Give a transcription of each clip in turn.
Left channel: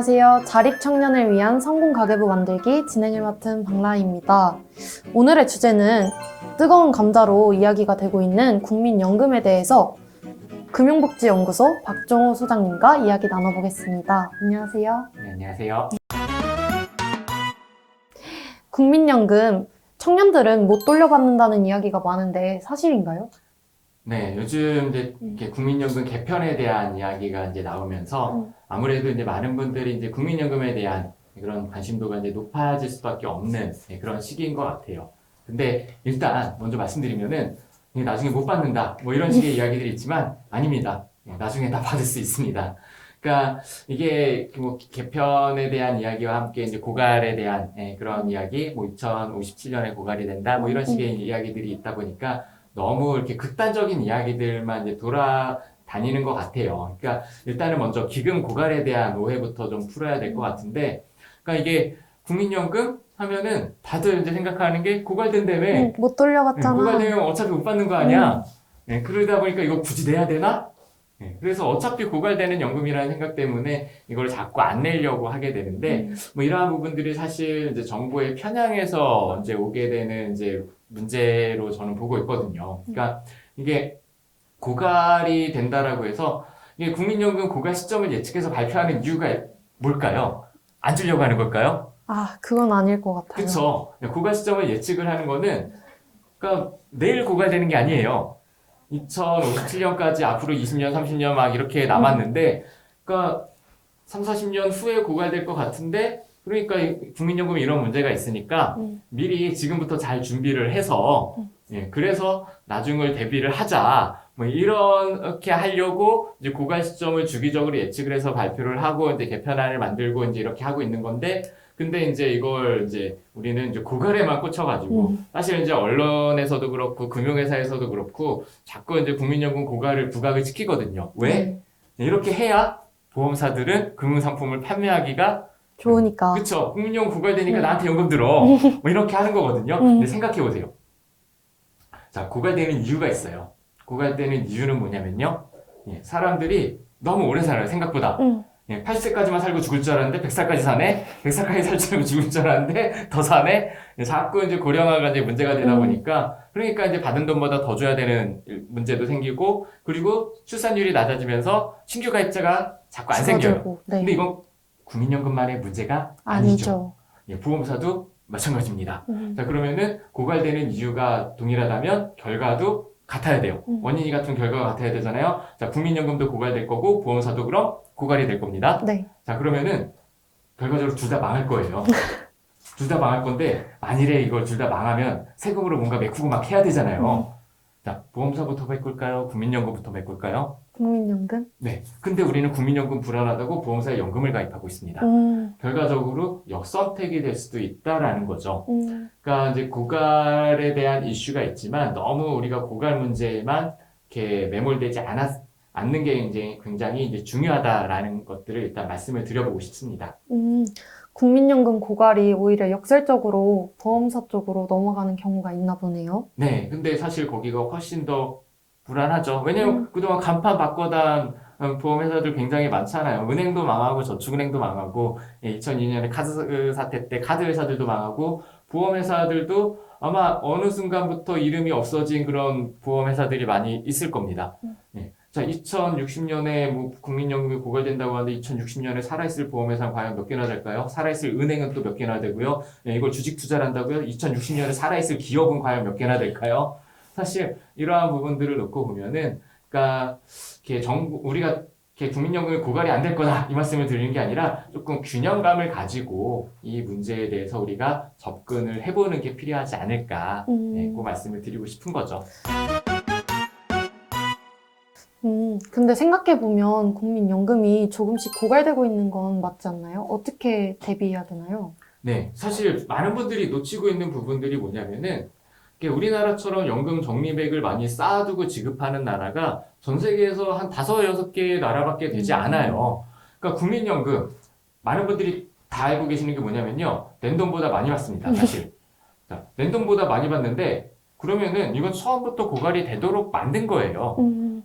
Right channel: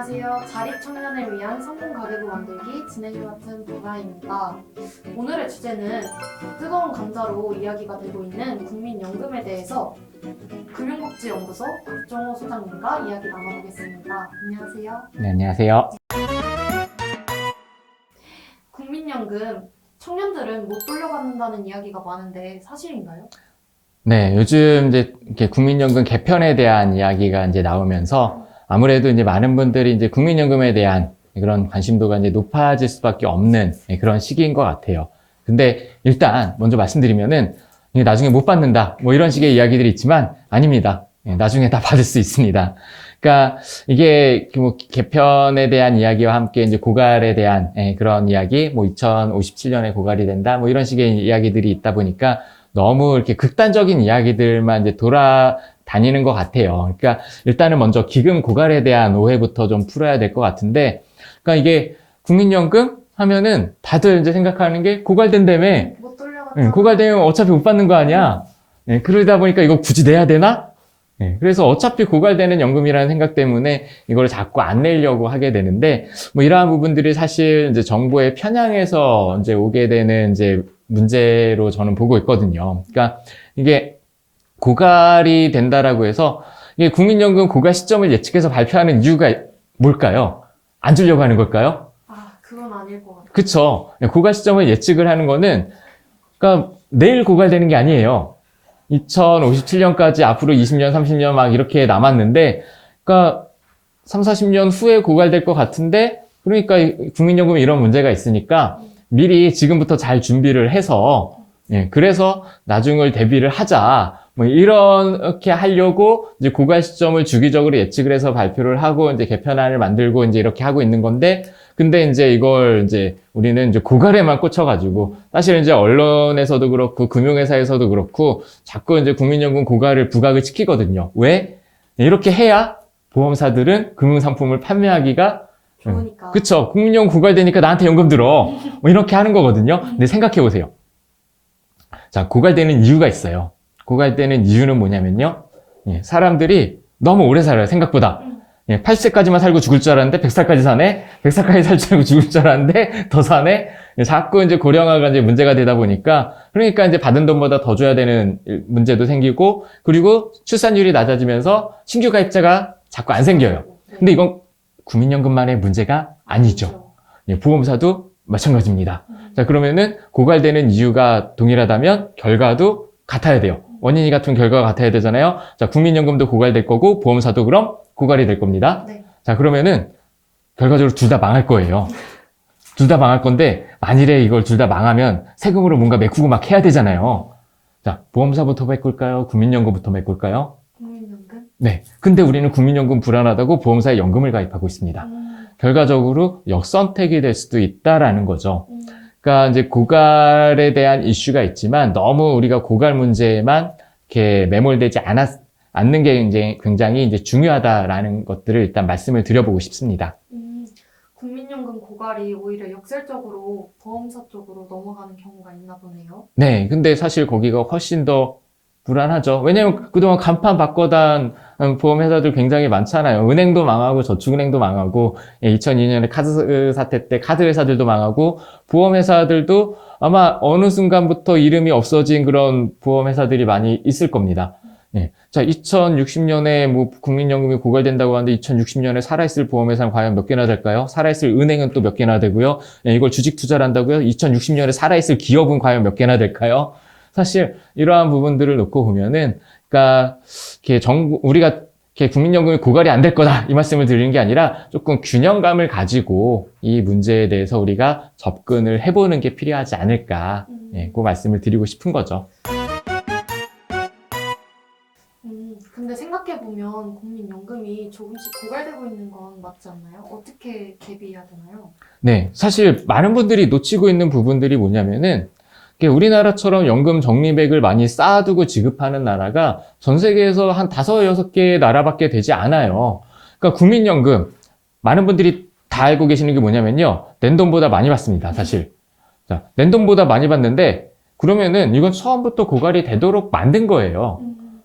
안녕하세요. 자립 청년을 위한 성공 가계부 만들기 진행을 맡은 박라입니다. 오늘의 주제는 뜨거운 감자로 이야기가 되고 있는 국민연금에 대해서 금융복지연구소 박종호 소장님과 이야기 나눠보겠습니다. 안녕하세요. 네, 안녕하세요. 국민연금 청년들은 못 돌려받는다는 이야기가 많은데 사실인가요? 네, 요즘 이제 국민연금 개편에 대한 이야기가 이제 나오면서 아무래도 이제 많은 분들이 이제 국민연금에 대한 그런 관심도가 이제 높아질 수밖에 없는 그런 시기인 것 같아요. 근데 일단 먼저 말씀드리면은 나중에 못 받는다 뭐 이런 식의 이야기들이 있지만 아닙니다. 예, 나중에 다 받을 수 있습니다. 그러니까 이게 뭐 개편에 대한 이야기와 함께 이제 고갈에 대한 예, 그런 이야기, 뭐 2057년에 고갈이 된다, 뭐 이런 식의 이야기들이 있다 보니까 너무 이렇게 극단적인 이야기들만 이제 돌아 다니는 것 같아요. 그러니까 일단은 먼저 기금 고갈에 대한 오해부터 좀 풀어야 될 것 같은데, 그러니까 이게 국민연금 하면은 다들 이제 생각하는 게 고갈된다며. 응, 못 예, 돌려받잖아. 고갈되면 어차피 못 받는 거 아니야. 예, 그러다 보니까 이거 굳이 내야 되나? 예, 그래서 어차피 고갈되는 연금이라는 생각 때문에 이걸 자꾸 안 내려고 하게 되는데, 뭐 이러한 부분들이 사실 이제 정부의 편향에서 이제 오게 되는 이제 문제로 저는 보고 있거든요. 그러니까 이게 고갈이 된다라고 해서 이게 국민연금 고갈 시점을 예측해서 발표하는 이유가 뭘까요? 안 주려고 하는 걸까요? 아, 그건 아닐 것 같아요. 그쵸. 고갈 시점을 예측을 하는 거는, 그러니까 내일 고갈되는 게 아니에요. 2057년까지 앞으로 20년, 30년 막 이렇게 남았는데, 그러니까 3, 40년 후에 고갈될 것 같은데, 그러니까 이 국민연금에 이런 문제가 있으니까 음. 미리 지금부터 잘 준비를 해서, 예, 그래서 나중을 대비를 하자. 뭐 이렇게 하려고 이제 고갈 시점을 주기적으로 예측을 해서 발표를 하고 이제 개편안을 만들고 이제 이렇게 하고 있는 건데, 근데 이제 이걸 이제 우리는 이제 고갈에만 꽂혀가지고 음. 사실 이제 언론에서도 그렇고 금융회사에서도 그렇고 자꾸 이제 국민연금 고갈을 부각을 시키거든요. 왜? 이렇게 해야 보험사들은 금융상품을 판매하기가 좋으니까. 그쵸. 국민연금 고갈되니까 나한테 연금 들어. 뭐 이렇게 하는 거거든요. 음. 근데 생각해 보세요. 자, 고갈되는 이유가 있어요. 고갈되는 이유는 뭐냐면요. 예, 사람들이 너무 오래 살아요, 생각보다. 응. 예, 80세까지만 살고 죽을 줄 알았는데 100살까지 사네? 100살까지 살 줄 알고 죽을 줄 알았는데 더 사네? 예, 자꾸 이제 고령화가 이제 문제가 되다 보니까 그러니까 이제 받은 돈보다 더 줘야 되는 문제도 생기고 그리고 출산율이 낮아지면서 신규 가입자가 자꾸 안 생겨요. 네. 근데 이건 국민연금만의 문제가 아니죠. 예, 보험사도 마찬가지입니다. 음. 자, 그러면은 고갈되는 이유가 동일하다면 결과도 같아야 돼요. 음. 원인이 같은 결과가 같아야 되잖아요. 자, 국민연금도 고갈될 거고 보험사도 그럼 고갈이 될 겁니다. 네. 자, 그러면은 결과적으로 둘 다 망할 거예요. 둘 다 망할 건데 만일에 이걸 둘 다 망하면 세금으로 뭔가 메꾸고 막 해야 되잖아요. 자, 보험사부터 메꿀까요? 국민연금부터 메꿀까요? 국민연금? 네. 근데 우리는 국민연금 불안하다고 보험사에 연금을 가입하고 있습니다. 음. 결과적으로 역선택이 될 수도 있다라는 거죠. 음. 그러니까 이제 고갈에 대한 이슈가 있지만 너무 우리가 고갈 문제에만 이렇게 매몰되지 않았, 않는 게 이제 굉장히 이제 중요하다라는 것들을 일단 말씀을 드려보고 싶습니다. 음, 국민연금 고갈이 오히려 역설적으로 보험사 쪽으로 넘어가는 경우가 있나 보네요. 네, 근데 사실 거기가 훨씬 더 불안하죠. 왜냐면 그동안 간판 바꿔단 보험 회사들 굉장히 많잖아요. 은행도 망하고 저축은행도 망하고 2002년에 카드 사태 때 카드 회사들도 망하고 보험 회사들도 아마 어느 순간부터 이름이 없어진 그런 보험 회사들이 많이 있을 겁니다. 예. 자, 2060년에 뭐 국민연금이 고갈된다고 하는데 2060년에 살아있을 보험회사는 과연 몇 개나 될까요? 살아있을 은행은 또 몇 개나 되고요. 예, 이걸 주식 투자를 한다고요? 2060년에 살아있을 기업은 과연 몇 개나 될까요? 사실 이러한 부분들을 놓고 보면은, 그러니까 이렇게 정부 우리가 이렇게 국민연금이 고갈이 안 될 거다 이 말씀을 드리는 게 아니라 조금 균형감을 가지고 이 문제에 대해서 우리가 접근을 해보는 게 필요하지 않을까, 음. 예, 그 말씀을 드리고 싶은 거죠. 음, 근데 생각해보면 국민연금이 조금씩 고갈되고 있는 건 맞지 않나요? 어떻게 대비해야 되나요? 네, 사실 많은 분들이 놓치고 있는 부분들이 뭐냐면은 우리나라처럼 연금 적립액을 많이 쌓아두고 지급하는 나라가 전 세계에서 한 다섯 여섯 개의 나라밖에 되지 않아요. 그러니까 국민연금 많은 분들이 다 알고 계시는 게 뭐냐면요, 낸 돈보다 많이 받습니다. 사실. 자, 낸 돈보다 많이 받는데 그러면은 이건 처음부터 고갈이 되도록 만든 거예요. 음,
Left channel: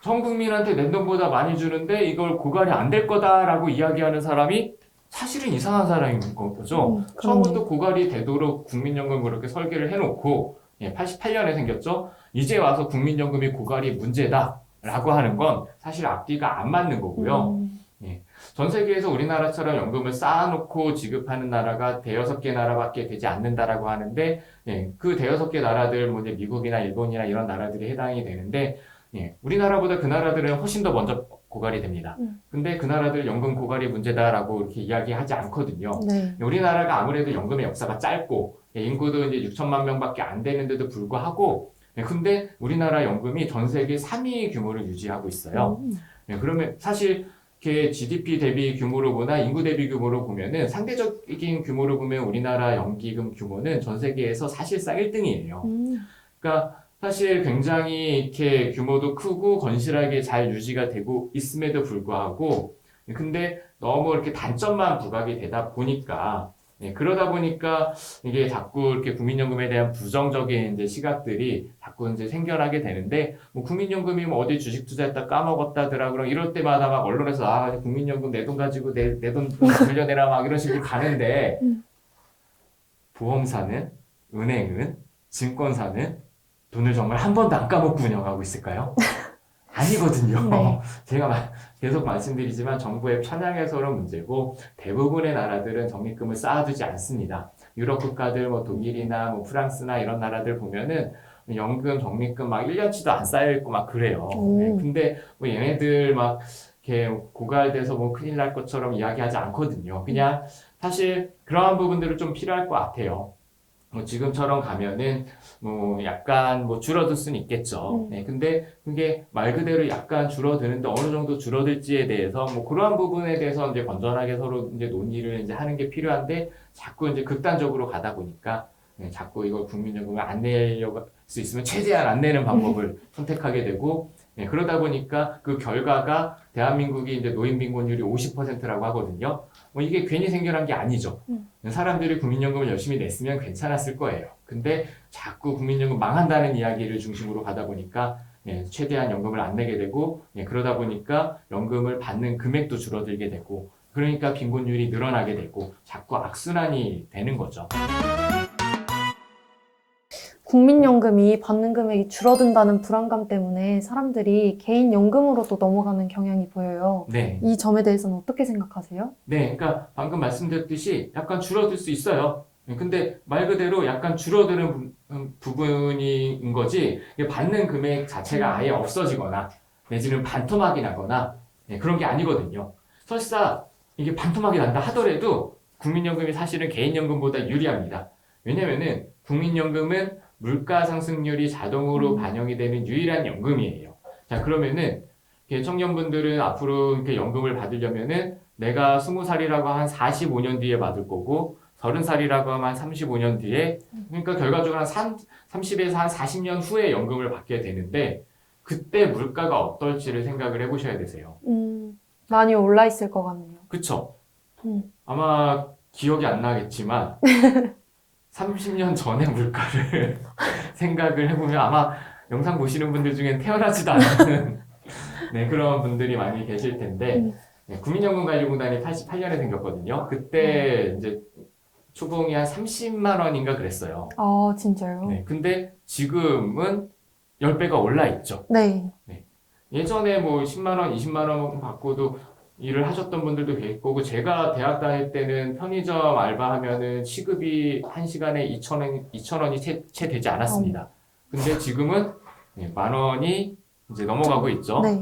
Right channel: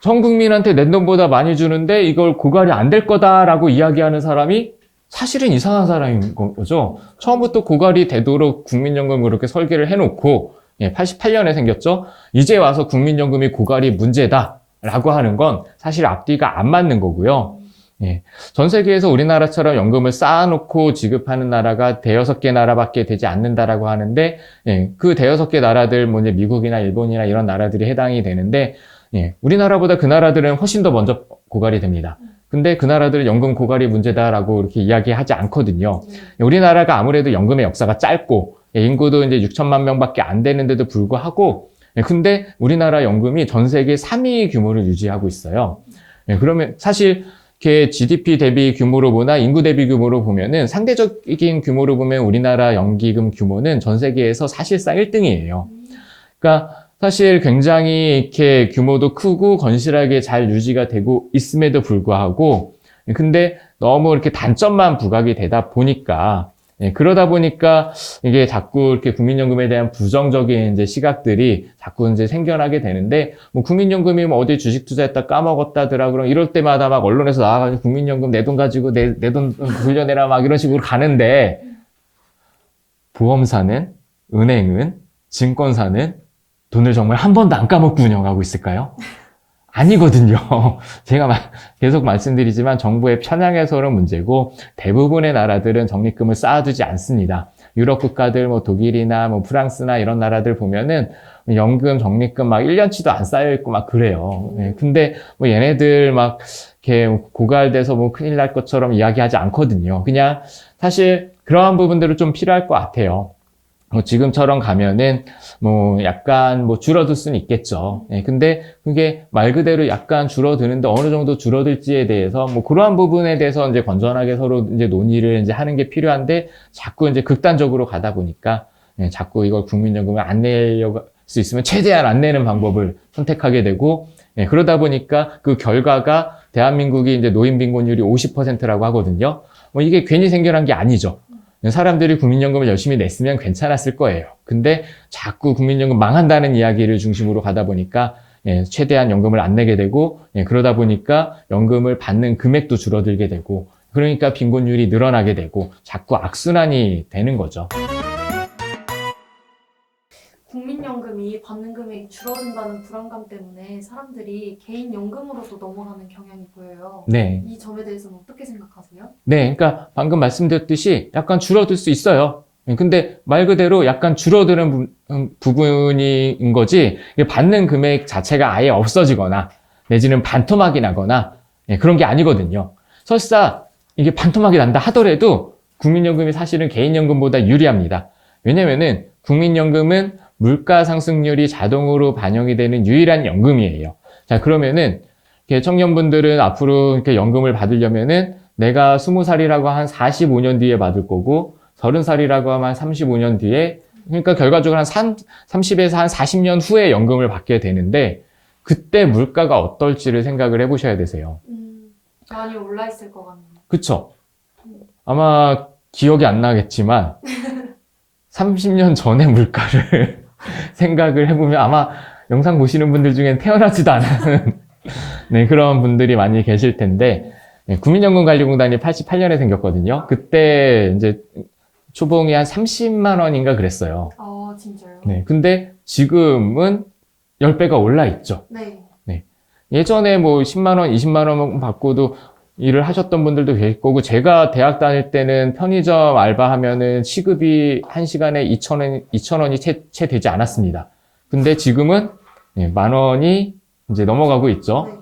전 국민한테 낸 돈보다 많이 주는데 이걸 고갈이 안 될 거다라고 이야기하는 사람이 사실은 이상한 사람인 거죠. 음, 처음부터 고갈이 되도록 국민연금 그렇게 설계를 해놓고 예, 88년에 생겼죠. 이제 와서 국민연금이 고갈이 문제다라고 하는 건 사실 앞뒤가 안 맞는 거고요. 음, 전 세계에서 우리나라처럼 연금을 쌓아놓고 지급하는 나라가 대여섯 개 나라밖에 되지 않는다라고 하는데 예, 그 대여섯 개 나라들 뭐 이제 미국이나 일본이나 이런 나라들이 해당이 되는데 예, 우리나라보다 그 나라들은 훨씬 더 먼저 고갈이 됩니다. 음. 근데 그 나라들은 연금 고갈이 문제다라고 이렇게 이야기하지 않거든요. 네. 우리나라가 아무래도 연금의 역사가 짧고 예, 인구도 이제 6천만 명밖에 안 되는데도 불구하고 예, 근데 우리나라 연금이 전 세계 3위 규모를 유지하고 있어요. 음, 예, 그러면 사실 이렇게 GDP 대비 규모로 보나 인구 대비 규모로 보면은 상대적인 규모로 보면 우리나라 연기금 규모는 전 세계에서 사실상 1등이에요. 음, 그러니까 사실 굉장히 이렇게 규모도 크고 건실하게 잘 유지가 되고 있음에도 불구하고 근데 너무 이렇게 단점만 부각이 되다 보니까 예, 그러다 보니까 이게 자꾸 이렇게 국민연금에 대한 부정적인 이제 시각들이 자꾸 이제 생겨나게 되는데 뭐 국민연금이 뭐 어디 주식 투자했다 까먹었다더라 그럼 이럴 때마다 막 언론에서 나와가지고 국민연금 내 돈 가지고 내 내 돈 돌려내라 막 이런 식으로 가는데 음. 보험사는 은행은 증권사는 돈을 정말 한 번도 안 까먹고 운영하고 있을까요? 아니거든요. 제가 마- 계속 말씀드리지만 정부의 편향에서는 문제고 대부분의 나라들은 적립금을 쌓아두지 않습니다. 유럽 국가들 뭐 독일이나 뭐 프랑스나 이런 나라들 보면은 연금 적립금 막 1년치도 안 쌓여 있고 막 그래요. 음. 네, 근데 뭐 얘네들 막 이렇게 고갈돼서 뭐 큰일 날 것처럼 이야기하지 않거든요. 그냥 사실 그러한 부분들은 좀 필요할 것 같아요. 뭐 지금처럼 가면은 뭐 약간 뭐 줄어들 수는 있겠죠. 음. 예, 근데 그게 말 그대로 약간 줄어드는데 어느 정도 줄어들지에 대해서 뭐 그러한 부분에 대해서 이제 건전하게 서로 이제 논의를 이제 하는 게 필요한데 자꾸 이제 극단적으로 가다 보니까 예, 자꾸 이걸 국민연금을 안 내려고 할수 있으면 최대한 안 내는 방법을 선택하게 되고 예, 그러다 보니까 그 결과가 대한민국이 이제 노인 빈곤율이 50%라고 하거든요. 뭐 이게 괜히 생겨난 게 아니죠. 사람들이 국민연금을 열심히 냈으면 괜찮았을 거예요. 근데 자꾸 국민연금 망한다는 이야기를 중심으로 가다 보니까 예, 최대한 연금을 안 내게 되고 예, 그러다 보니까 연금을 받는 금액도 줄어들게 되고 그러니까 빈곤율이 늘어나게 되고 자꾸 악순환이 되는 거죠. 국민연금이 받는 금액이 줄어든다는 불안감 때문에 사람들이 개인연금으로도 넘어가는 경향이 보여요. 네. 이 점에 대해서는 어떻게 생각하세요? 네, 그러니까 방금 말씀드렸듯이 약간 줄어들 수 있어요. 근데 말 그대로 약간 줄어드는 부, 음, 부분인 거지 받는 금액 자체가 아예 없어지거나 내지는 반토막이 나거나 예, 그런 게 아니거든요. 설사 이게 반토막이 난다 하더라도 국민연금이 사실은 개인연금보다 유리합니다. 왜냐면은 국민연금은 물가 상승률이 자동으로 반영이 되는 유일한 연금이에요. 자, 그러면은 청년분들은 앞으로 이렇게 연금을 받으려면은 내가 20살이라고 한 45년 뒤에 받을 거고 30살이라고 하면 한 35년 뒤에 그러니까 결과적으로 한 3, 30에서 한 40년 후에 연금을 받게 되는데 그때 물가가 어떨지를 생각을 해보셔야 되세요. 음, 많이 올라 있을 것 같네요. 그쵸? 음. 아마 기억이 안 나겠지만 30년 전의 물가를 생각을 해보면 아마 영상 보시는 분들 중엔 태어나지도 않은 네, 그런 분들이 많이 계실 텐데 음. 네, 국민연금관리공단이 88년에 생겼거든요. 그때 이제 초봉이 한 30만 원인가 그랬어요. 아, 진짜요? 네, 근데 지금은 10배가 올라 있죠. 네. 예전에 뭐 10만 원, 20만 원 받고도 일을 하셨던 분들도 계실 거고 제가 대학 다닐 때는 편의점 알바하면은 시급이 한 시간에 2천 원, 2천 원이 채, 채 되지 않았습니다. 근데 지금은 예, 만 원이 이제 넘어가고 있죠. 네.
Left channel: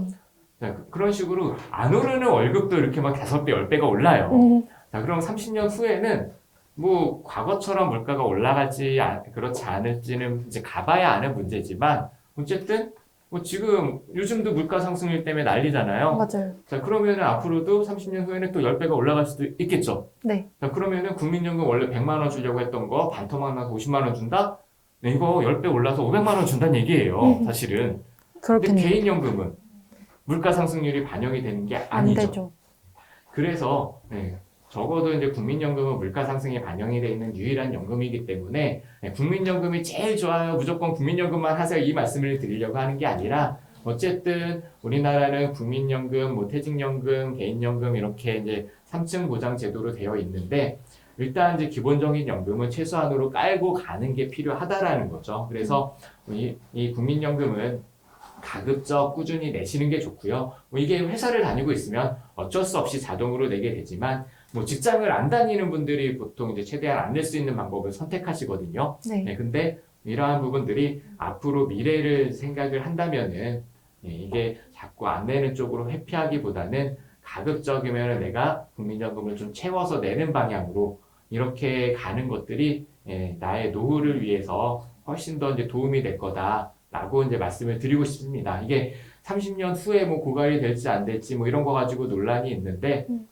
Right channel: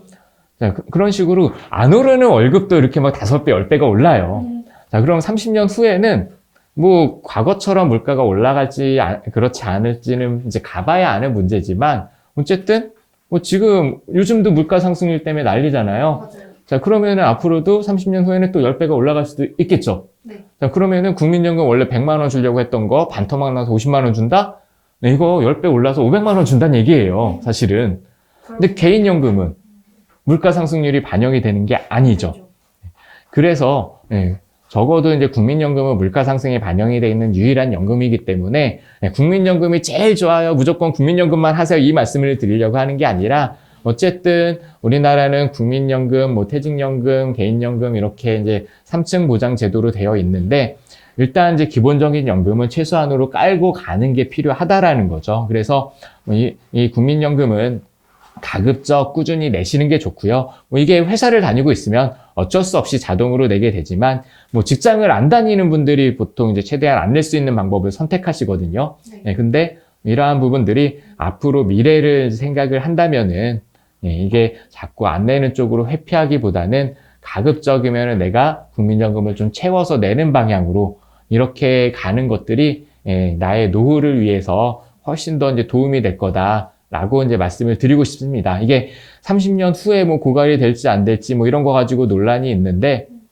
자, 그- 그런 식으로 안 오르는 월급도 이렇게 막 다섯 배, 열 배가 올라요. 음, 자, 그럼 30년 후에는 뭐 과거처럼 물가가 올라갈지 아- 그렇지 않을지는 이제 가봐야 아는 문제지만 어쨌든 뭐 지금 요즘도 물가 상승률 때문에 난리잖아요. 맞아요. 자, 그러면은 앞으로도 30년 후에는 또 10배가 올라갈 수도 있겠죠. 네. 자, 그러면은 국민연금 원래 100만 원 주려고 했던 거 반토막 나서 50만 원 준다? 네, 이거 10배 올라서 500만 원 준다는 얘기예요. 음. 사실은. 근데 그렇겠네요. 개인연금은 물가 상승률이 반영이 되는 게 아니죠. 그래서 예, 적어도 이제 국민연금은 물가 상승이 반영이 돼 있는 유일한 연금이기 때문에 예, 국민연금이 제일 좋아요. 무조건 국민연금만 하세요. 이 말씀을 드리려고 하는 게 아니라 어쨌든 우리나라는 국민연금, 뭐 퇴직연금, 개인연금 이렇게 이제 3층 보장 제도로 되어 있는데 일단 이제 기본적인 연금은 최소한으로 깔고 가는 게 필요하다라는 거죠. 그래서 이, 이 국민연금은 가급적 꾸준히 내시는 게 좋고요. 뭐 이게 회사를 다니고 있으면 어쩔 수 없이 자동으로 내게 되지만 뭐 직장을 안 다니는 분들이 보통 이제 최대한 안 낼 수 있는 방법을 선택하시거든요. 네. 네, 근데 이러한 부분들이 앞으로 미래를 생각을 한다면은 예, 이게 자꾸 안 내는 쪽으로 회피하기보다는 가급적이면 내가 국민연금을 좀 채워서 내는 방향으로 이렇게 가는 것들이 예, 나의 노후를 위해서 훨씬 더 이제 도움이 될 거다라고 이제 말씀을 드리고 싶습니다. 이게 30년 후에 뭐 고갈이 될지 안 될지 뭐 이런 거 가지고 논란이 있는데 음.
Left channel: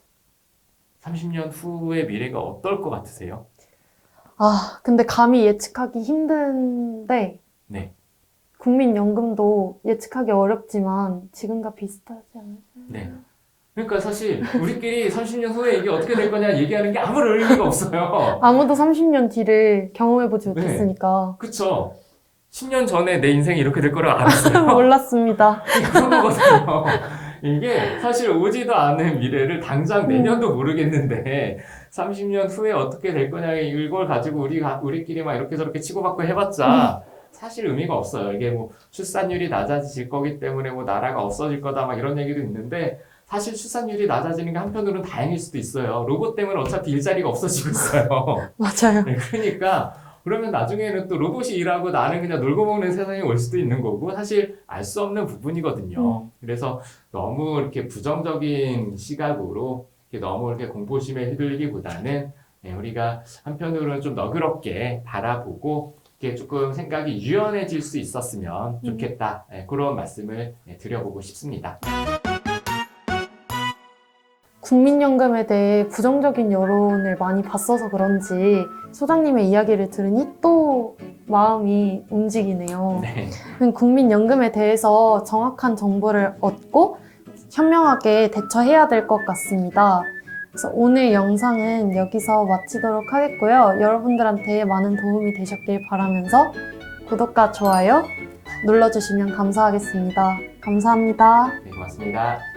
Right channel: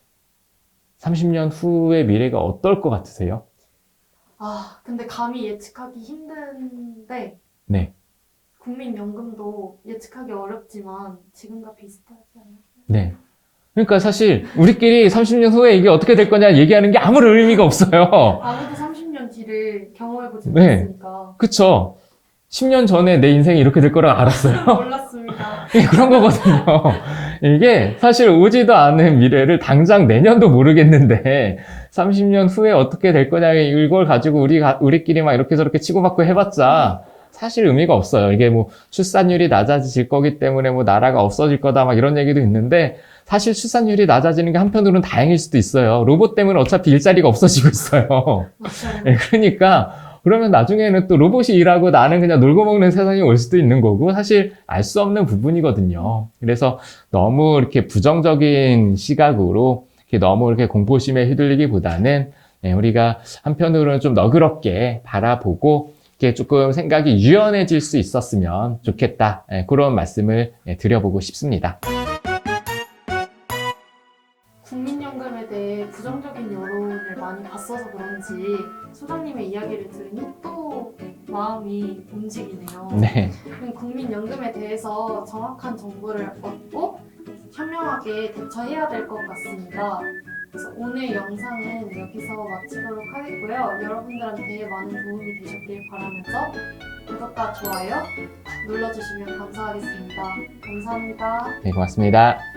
30년 후의 미래가 어떨 것 같으세요? 아, 근데 감히 예측하기 힘든데 네. 국민연금도 예측하기 어렵지만 지금과 비슷하지 않아요? 네. 그러니까 사실 우리끼리 30년 후에 이게 어떻게 될 거냐 얘기하는 게 아무런 의미가 없어요. 아무도 30년 뒤를 경험해보지 네. 못했으니까 그쵸? 10년 전에 내 인생이 이렇게 될 거라 알았어요. 몰랐습니다. 그런 거거든요. 이게 사실 오지도 않은 미래를 당장 내년도 모르겠는데 30년 후에 어떻게 될 거냐 이걸 가지고 우리 우리끼리 막 이렇게 저렇게 치고받고 해봤자 사실 의미가 없어요. 이게 뭐 출산율이 낮아질 거기 때문에 뭐 나라가 없어질 거다 막 이런 얘기도 있는데 사실 출산율이 낮아지는 게 한편으로는 다행일 수도 있어요. 로봇 때문에 어차피 일자리가 없어지고 있어요. 맞아요. 네, 그러니까 그러면 나중에는 또 로봇이 일하고 나는 그냥 놀고 먹는 세상이 올 수도 있는 거고 사실 알 수 없는 부분이거든요. 그래서 너무 이렇게 부정적인 시각으로 이렇게 너무 이렇게 공포심에 휘둘리기보다는 네, 우리가 한편으로는 좀 너그럽게 바라보고 이렇게 조금 생각이 유연해질 수 있었으면 좋겠다. 네, 그런 말씀을 네, 드려보고 싶습니다. 국민연금에 대해 부정적인 여론을 많이 봤어서 그런지 소장님의 이야기를 들으니 또 마음이 움직이네요. 네. 국민연금에 대해서 정확한 정보를 얻고 현명하게 대처해야 될 것 같습니다. 그래서 오늘 영상은 여기서 마치도록 하겠고요. 여러분들한테 많은 도움이 되셨길 바라면서 구독과 좋아요 눌러주시면 감사하겠습니다. 감사합니다. 네, 고맙습니다.